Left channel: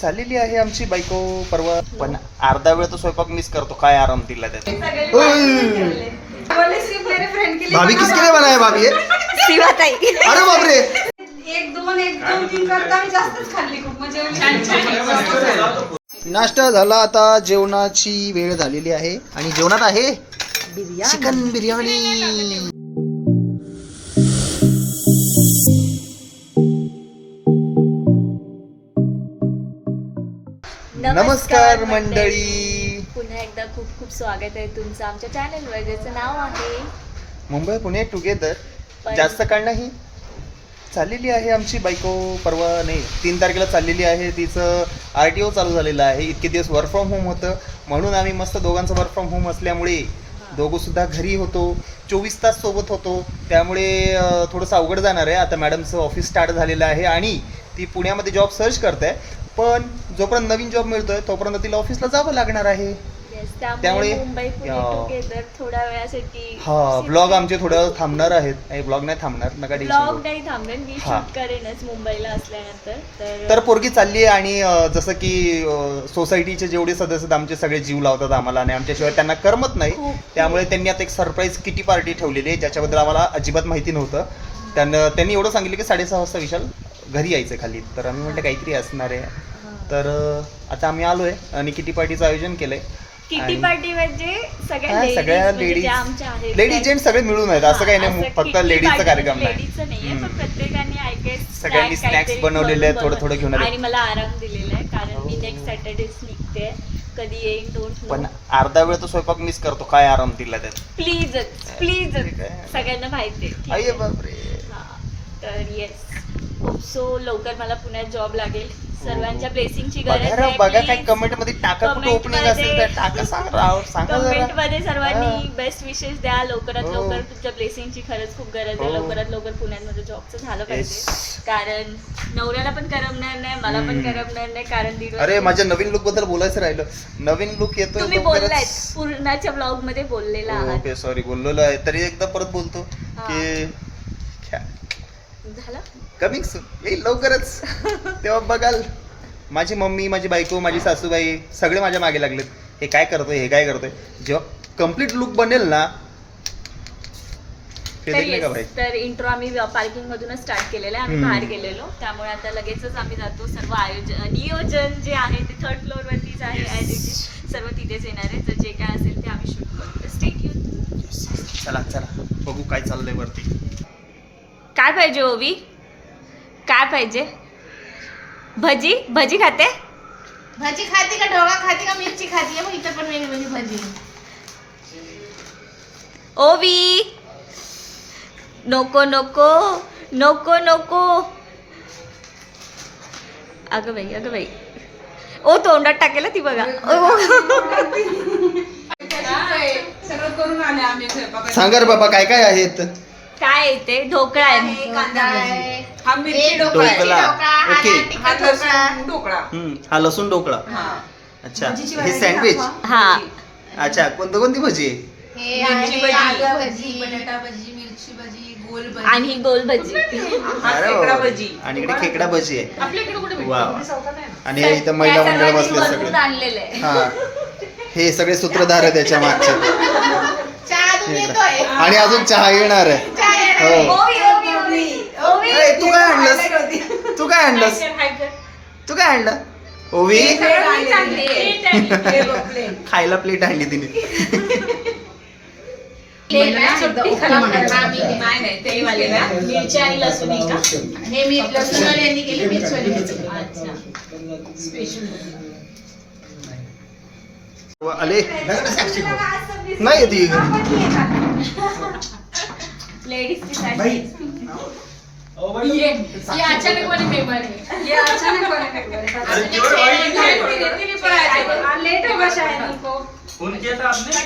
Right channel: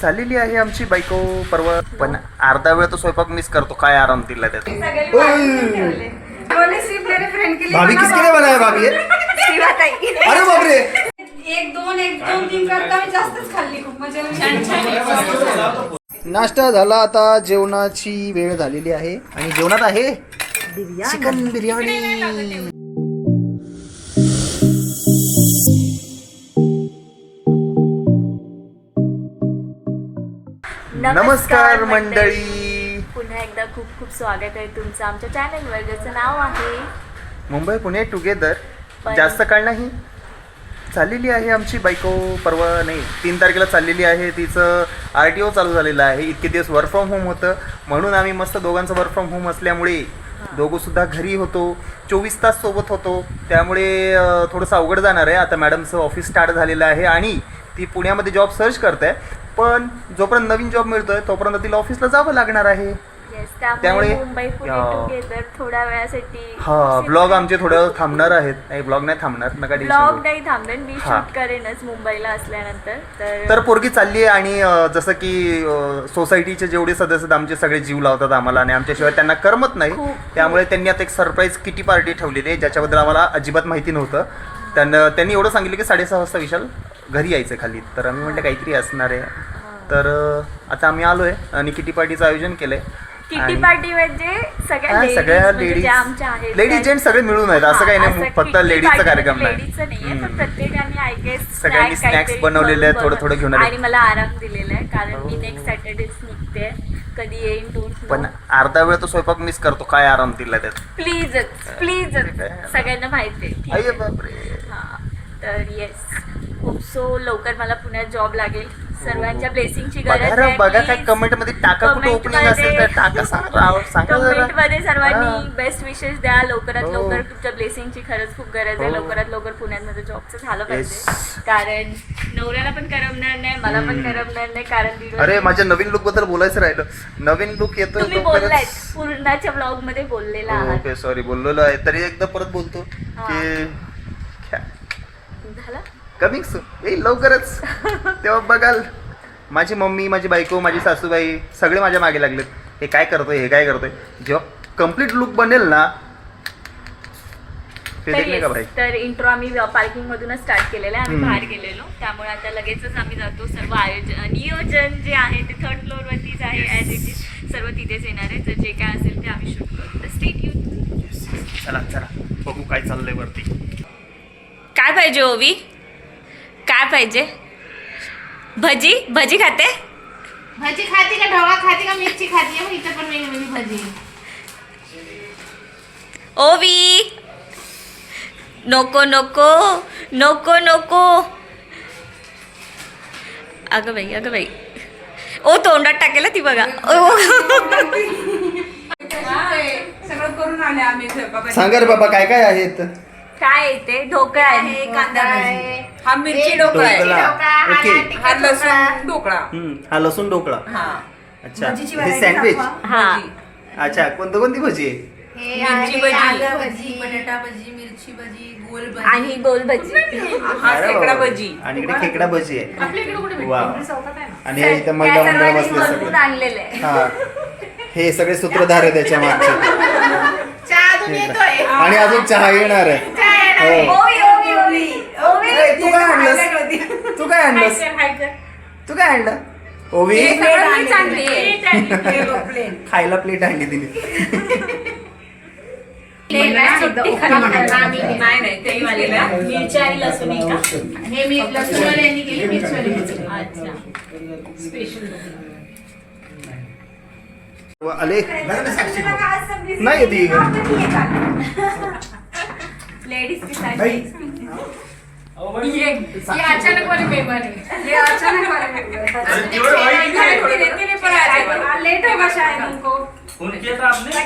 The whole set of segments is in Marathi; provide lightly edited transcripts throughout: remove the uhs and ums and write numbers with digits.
चाललेली आहे आमची बायको परवा, पण अर्धा वेळ तो स्वयंपाक मिस करतो. काय आराम दिला त्यात. भाभी किसके लिए बनाया भाभी ये? अरे बापरे, एक दोन तीन करता मी जास्तच खाल्ली. खूप मजा आली. नाश्ता झाला, आता जेवणाची वेळ झालेली आहे आणि जेवणात आहे चिकन बिर्याणी. नमस्कार मंडळी, पुन्हा एकदा खूप खूप स्वागत आहे तुमचं आमच्या चॅनलवर, ज्याचं नाव आहे मुंबई पुणे टुगेदर. जास्त काळ नाही, चाललेली आहे आमची बायको परवा, नाही 3 तारखेला चाललेली आहे. तिचं RTO चालू झालेलं आहे. इतके दिवस वर्क फ्रॉम होम होतं, म्हणून आम्ही मस्त दोघांचं वर्क फ्रॉम होम असल्यामुळे दोघंसुद्धा घरी होतो, 24 तास सोबत होतो. त्यामुळे थोडंसं अवघड जाणार आहे. आता मॅडमचं ऑफिस स्टार्ट झालेलं आहे आणि ती पुण्यामध्ये जॉब सर्च करते आहे, पण जोपर्यंत नवीन जॉब मिळतोय तोपर्यंत तिला ऑफिसला जावं लागणार आहे. त्यामुळे मुंबई पुणे टुगेदर थोड्या वेळासाठी ब्लॉग आमचे थोड्या वेळ थांबणार आहेत. नाही, ब्लॉग नाही थांबणार, नका ब्लॉग नाही थांबेल, मी शूट करेनच मुंबईला असल्यानंतर. तर पोरगी चालली आहे आणि जसं की सोसायटीचे जेवढे सदस्य आहेत आमचे सगळे जीव लावतात आम्हाला आणि आमच्याशिवाय त्यांना करमत नाही. त्यामुळे त्यांनी आता एक सरप्राईज किटी पार्टी ठेवलेली आहे, ज्याच्याबद्दल आम्हाला अजिबात माहिती नव्हतं. त्यांनी एवढं सांगितलं की 6:30 वाजता विशाल घरी यायचं खाली. तर आम्ही म्हटलं काहीतरी असणार आहे. तर आता आम्ही आलोय आणि किटी पार्टीचं आयोजन केलंय. किटी पार्टी म्हणजे सगळ्या लेडीज जेंट्स सगळे मिळून आहेत, असं काही नाही फक्त लेडीजचा कार्यक्रम नाही. सगळ्यांनी स्नॅक्स बनवलेले आहेत, थोडं थोडं घेऊन आणि मला आराम दिलेला आहे, कारण मी नेक्स्ट सॅटर्डेच निघते. कधी येईन डोंट नो. पण अर्धा वेळ तो स्वयंपाक मिस करतो. काय आराम दिला त्यात. प्लीज सगळ्यांना माहिती आहे. तर येस, खूप सो लवकर मला पुण्यात जॉब लागेल. सर्वांच्या ब्लेसिंगची गरज आहे. बघा काय कमेंट मध्ये टाका, कुठे ओपनिंग असेल तर टाका, सांगा कमेंट मध्ये सर्वांनी बेस्ट विशेस द्या. लवकरात लवकर तुमच्या ब्लेसिंगची खरंच खूप गरज आहे. लवकरात लवकर पुण्यात माझं जॉबचं झालं पाहिजे, कारण नवऱ्याला पण करमणार नाही, मला पण करमणार नाही. कारण अरे माझ्या नवीन लुक बद्दल बोलायचं राहिलं. नवीन लुक येतोय तुम्ही बोललाय पूर्णाच्या ब्लॉग मध्ये बोललेला आहात. ओके सॉरी, बोललेलो आहे तरी एकदा परत बोलतो की झालं कमिंग सून, येईल लवकरच. तेव्हा बघाल माझी मम्मी, माझी बायको, माझी सासूबाई सगळे माझ्या मागे लागलेत. हे काय करतोय, हे काय करतोय. जेव्हा कम्प्लीट लुक बनेल ना का भाई. तर इंट्रो आम्ही पार्किंग मधूनच स्टार्ट केलेला आहे. आम्ही बाहेर गेलेलो, त्यामुळे आता लगेचच आम्ही जातो. सर्व नियोजन जे आहे ते 3rd फ्लोअर वरतीच आहे. ऍज इट इज सर्व तिथेच येणार आहे. तर जे काय असेल ते आम्ही शूट करू. तर स्टे ट्यून. चला बघू काय चाललंय वरती. काय पाहिजे ओवी, काय पाहिजे? भजी खाते? भाजी खाती का, ढोका खाती का, मिरची खाती आहे. इथं पण वेगवेगळी भाजी. ओवी नको नको नको नको. अगं बाई ओ, तोंडात टाकेला ती बघा. सगळं करून आले आम्ही. सांगा रे बाबा काय काय आहेत. काय येते? ढोकळा आहे, कांदा आहे, हा मिरची ढोकळा आहे. ढोकळा, ओके. हा लसूण ढोकळा. हा लसूण ढोकळा. अच्छा, हे सँडविच. हा अच्छा, कोणती भजी आहे. मिरची भजी, आलू भजी, बटाटा भजी, मिरची भजी, गोल भजी आणि गोल भजी. हा खेकडा भजी. आणि इकडे खेकडा भजी आहे. आपल्याकडे कुठे वा. आणि हे इथं महिला मंडळ बसले बनवून सगळे. आणलेलं आहे. हा, हे सगळे सूत्रधार आहे त्याच्या मागचे. चहा अजून येतोय. आणि अजून चहा येणार आहे. हो. तू काय आणलंस, तू काय आणलं ओवी. खायला प्लेट आणली तिने. नाही तेलवालेला. मिरची आणि लसूण आहे का? हे मी लसूणवाल्यांनी केली, मिरचीवाली केली. अच्छा. आले नाही ती लेडीजची साडी. ये अचानक वाले पेपर है. ये अचानक वाले पेपर है. लेट होगा शायद उनको. कट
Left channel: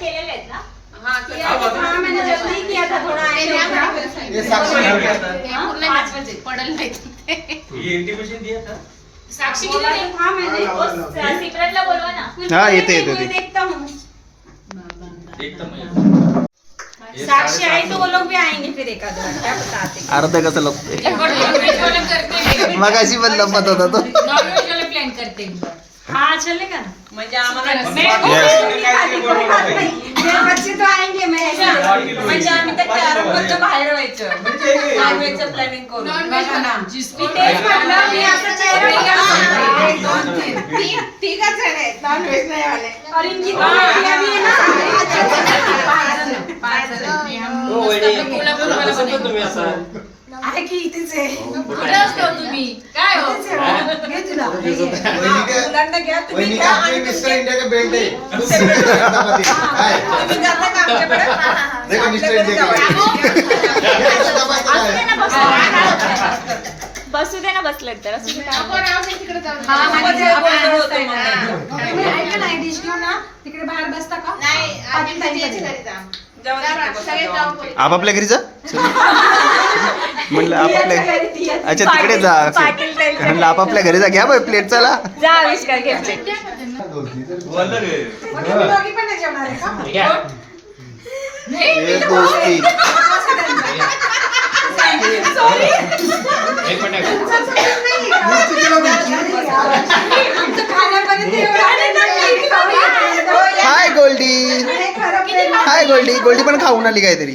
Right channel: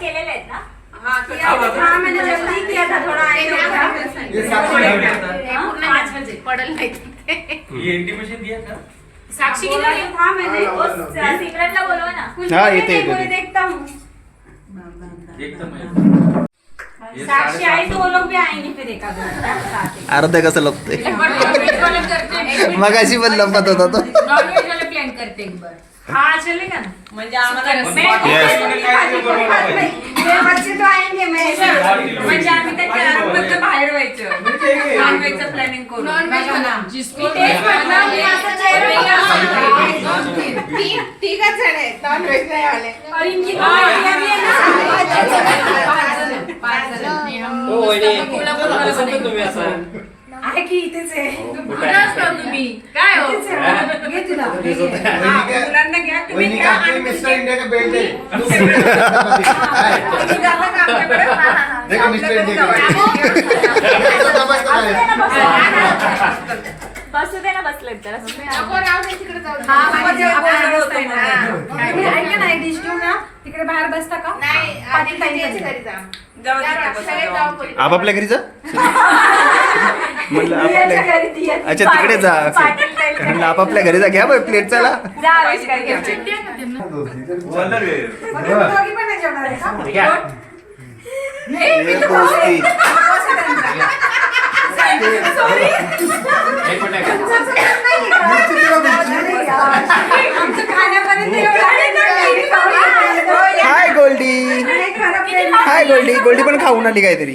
केलेले आहेत ना? हाँ, मैंने जल्दी किया था थोड़ा. आए थे 5 बजे पढ़ल नहीं. ये इंटीमेशन दिया था. साक्षी की नहीं था मैंने. सिमरनला बोलवा ना. हा येते देखता हूँ. एकदम साक्षी आई तो वो लोग भी आएंगे फिर एक आध घंटा बताते. अर्धा कसं लपतोय. करते मगाशी पण लपत होता तो. नॉनवेज वाले प्लेट सेंड करते एक बार हाँ चलेगा ना म्हणजे आम्हाला Yes. म्हणजे आम्ही त्या कॅरमच्या बाहेर व्हायचं बाहेर व्हायचं प्लॅनिंग करून ठीकच आहे नॉन व्हेज नाही वाले और इनकी तुम्ही असं आहे की इथेच आहे कुठे असतो तुम्ही काय हो घे तुला मुलांना घ्या तुम्ही घ्या आणि मिस्टर इंडिया का बेल्ट है तुम्ही जाता का आमच्याकडे देखो मिस्टर इंडिया का बसू दे ना बसलं तर असू दे ना. ऐका ना एक डिश घेऊन ना तिकडे बाहेर बसता का आपापल्या घरी जा म्हणलं आपापल्या अच्छा तिकडे जा म्हणलं आपापल्या घरी जा घ्या बाई प्लेट चला जा आविष्कार घ्या ये दोस्ती एक मिनिट हाय गोल्डी हाय गोल्डी गोल्डी पण खाऊन आली काहीतरी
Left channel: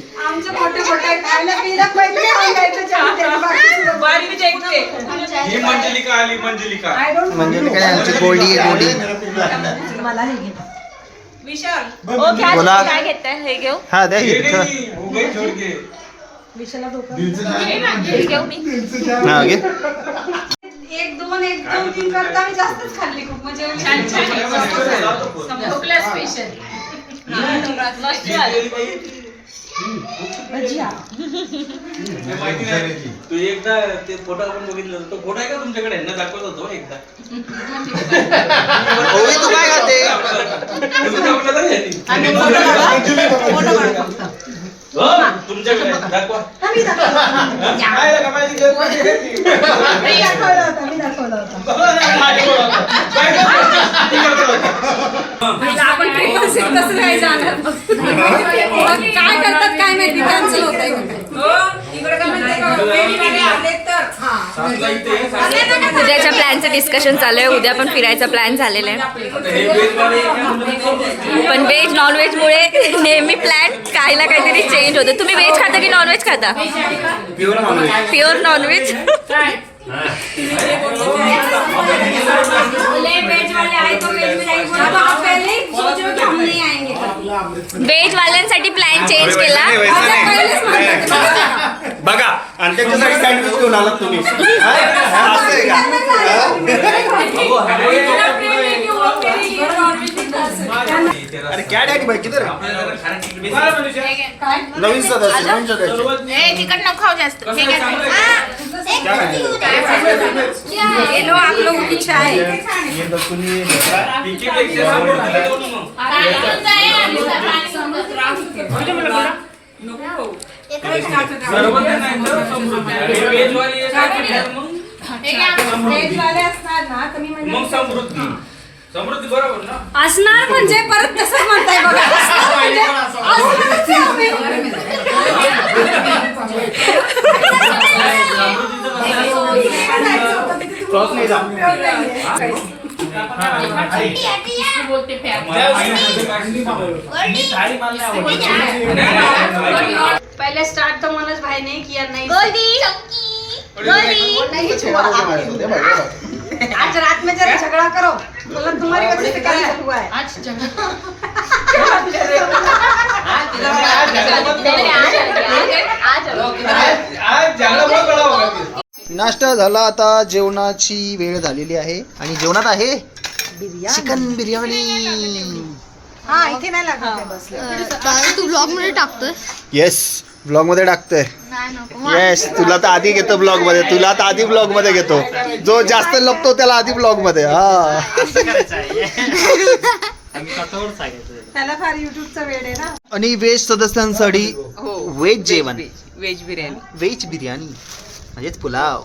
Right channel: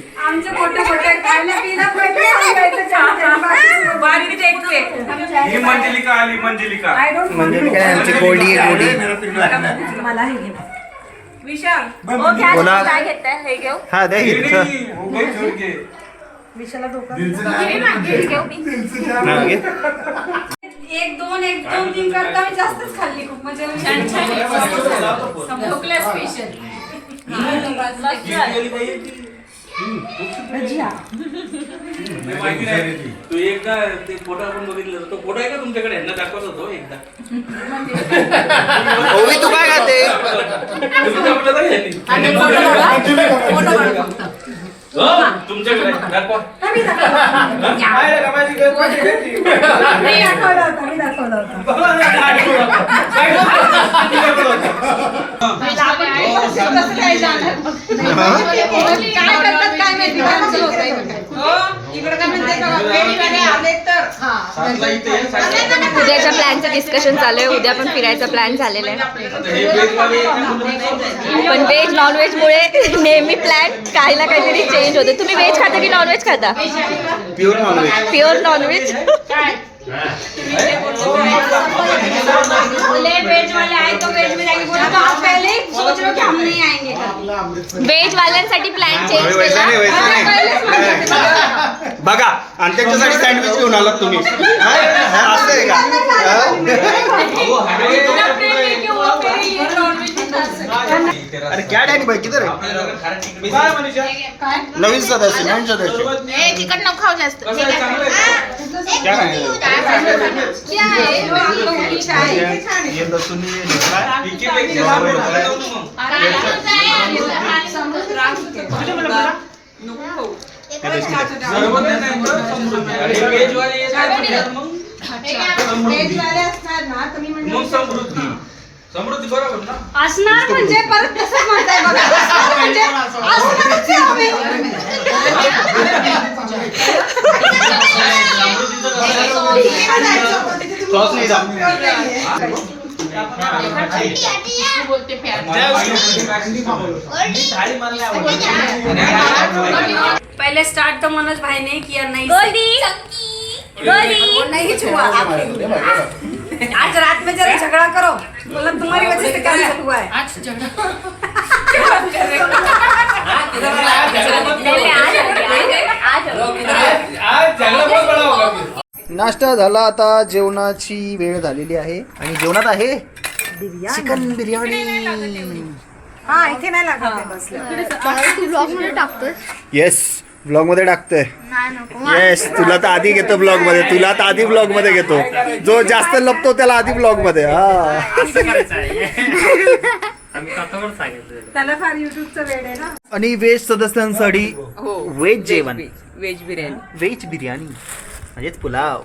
ही मंजलिका आली मंजलिका म्हणजे काय आमची गोल्डी आहे गोल्डी विशाल ओ घ्या बोला. तुम्ही काय घेताय हे घेऊ हा द्या ये इथं नहीं, हो गई छोड़ के घेऊ मी हा घे. एक दोन तीन करता मी जास्तच खाल्ली खूप म्हणजे भोकला स्पेशल तू एकदा ते फोटो आपण बघितलं तो फोटो आहे का तुमच्याकडे यांना दाखवत होतो एकदा ओवी तू काय खाते तुम्ही दाखवलं का यांनी? हो, तुमच्याकडे दाखवा काय करतात काय माहिती कॅन्सल होत आहे हो इकडे काय म्हणते बघा वेळीवाले आले तर सातला इथे आहे, सातला. उद्याच्या प्लॅनचं डिस्कशन चालू आहे उद्या पण फिरायचा प्लॅन झालेला आहे आता हे वेजवाले पण व्हेज नॉन व्हेज मुळे नेहमी प्लॅन काही ना काहीतरी चेंज होतं तुम्ही व्हेज खाता की नॉन व्हेज खाता pure non veg pure non veg veg वाले आए तो वेज में जाएंगे बोला तो आप पहले ही सोच रहे हो कि हम नहीं आएंगे व्हेज वाल्यांसाठी प्लॅन चेंज केला बघा आणि त्याच्यासाठी सँडविच घेऊन आलात तुम्ही हा? असं आहे का? अरे क्या डॅडी भाई किधर है नवीन सदस्य नवीन सदस्य चिकन नको खाऊ जास्त क्या खाएंगे? क्या है लो आप लोगों की चाय ये लसूण ये वेज वाले असणार ना तर मी म्हणजे मग समृद्धी समृद्धी बरोबर ना असणार म्हणजे परत तसंच म्हणताय बघा. म्हणजे असणारच आहे आम्ही. सॉस नहीं डाल पहले स्टार्ट तो मनोज भाई ने किया नहीं गोल्डी नहीं छुआ आज रात में जरा झगड़ा करो मतलब तुम्हारी वजह से कैंसिल हुआ है नाश्ता झाला आता जेवणाची वेळ झालेली आहे आणि जेवणात आहे चिकन बिर्याणी हा इथे नाही लागत आहे बसलं तू ब्लॉग मध्ये टाकतोय येस ब्लॉग मध्ये टाकतोय नाही नको येस तुला तर आधी घेतो ब्लॉग मध्ये तुला तर आधी ब्लॉग मध्ये घेतो जो जास्त लपतो त्याला आधी ब्लॉग मध्ये हा त्याला फार युट्यूबचं वेळ आहे ना आणि व्हेज सदस्यांसाठी व्हेज जेवण व्हेज बिर्याणी व्हेज बिर्याणी म्हणजेच पुलाव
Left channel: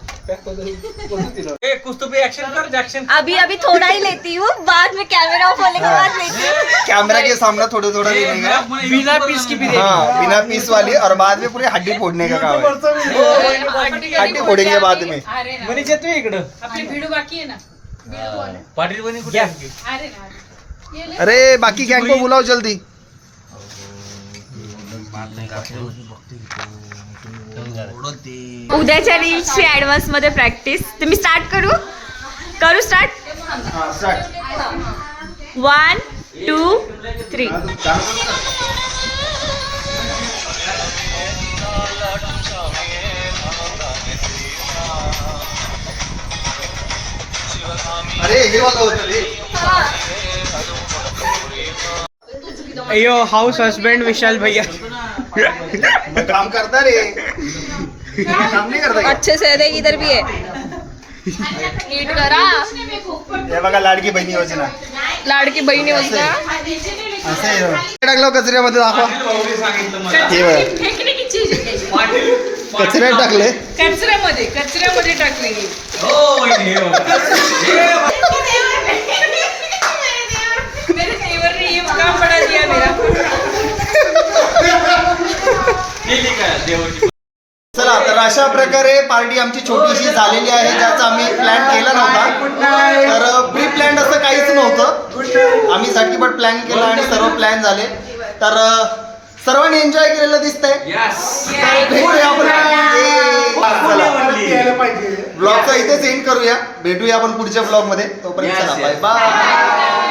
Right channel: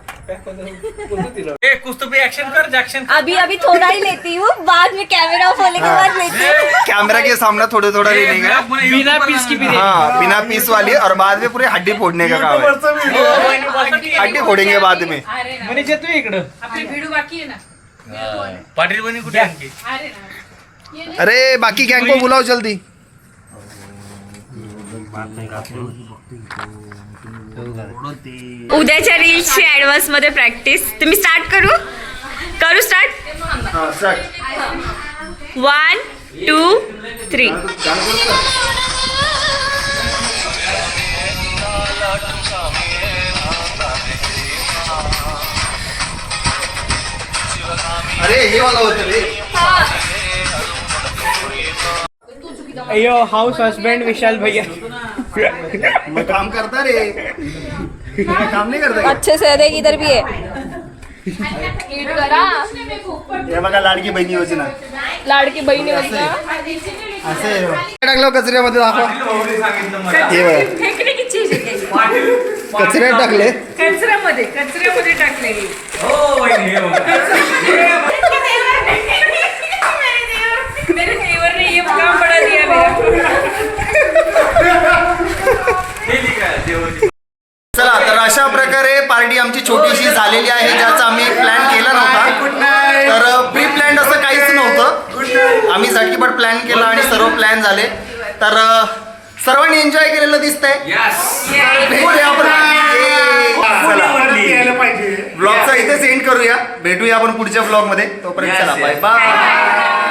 ए कुछ तो भी एक्शन कर जैक्शन अभी अभी थोड़ा ही लेती हूँ बाद में कैमरा ऑफ होने के बाद लेती हूँ कैमरा के सामने थोड़ा थोड़ा लेने का बिना पीस की हाँ बिना पीस वाली और बाद में पूरी हड्डी फोड़ने का काम है हड्डी फोड़ेंगे बाद में म्हणजे येतोय इकडं आपली व्हिडिओ बाकी आहे ना पाटील बनी कुठे आणखी अरे बाकी गँग को बुलाव जल्दी. उद्याच्या रील्सची ऍडव्हान्स मध्ये प्रॅक्टिस. तुम्ही स्टार्ट करू स्टार्ट. 1 2 3. अरे हे वाला होतं रे. अयो हाउस हस्बैंड विशाल भैया मग काम करता रे, काम नाही करता. अच्छे से देख, इधर भी है. नीट करा. हे बघा लाडकी बहिणी योजना. लाडकी बहिणी योजना असे टाकलं कचऱ्यामध्ये दाखवा. हे बघा फेकण्याची चीज आहे. कचऱ्यात टाकले. कचऱ्यामध्ये टाकलेली. मेरे देवर ने ये काम बड़ा दिया मेरा. चला तर अशा प्रकारे पार्टी आमची छोटीशी झालेली आहे, ज्याचा आम्ही प्लॅन केला नव्हता. तर प्री प्लॅन असं काहीच नव्हतं, आम्ही झटकीपट प्लॅन केला आणि सर्व प्लॅन झाले. तर सर्वांनी एन्जॉय केलेलं दिसतंय. भेटूया आपण. चला ब्लॉगचा इथे सेंड करूया. भेटूया आपण पुढच्या ब्लॉग मध्ये. तोपर्यंत चला बाय बाय.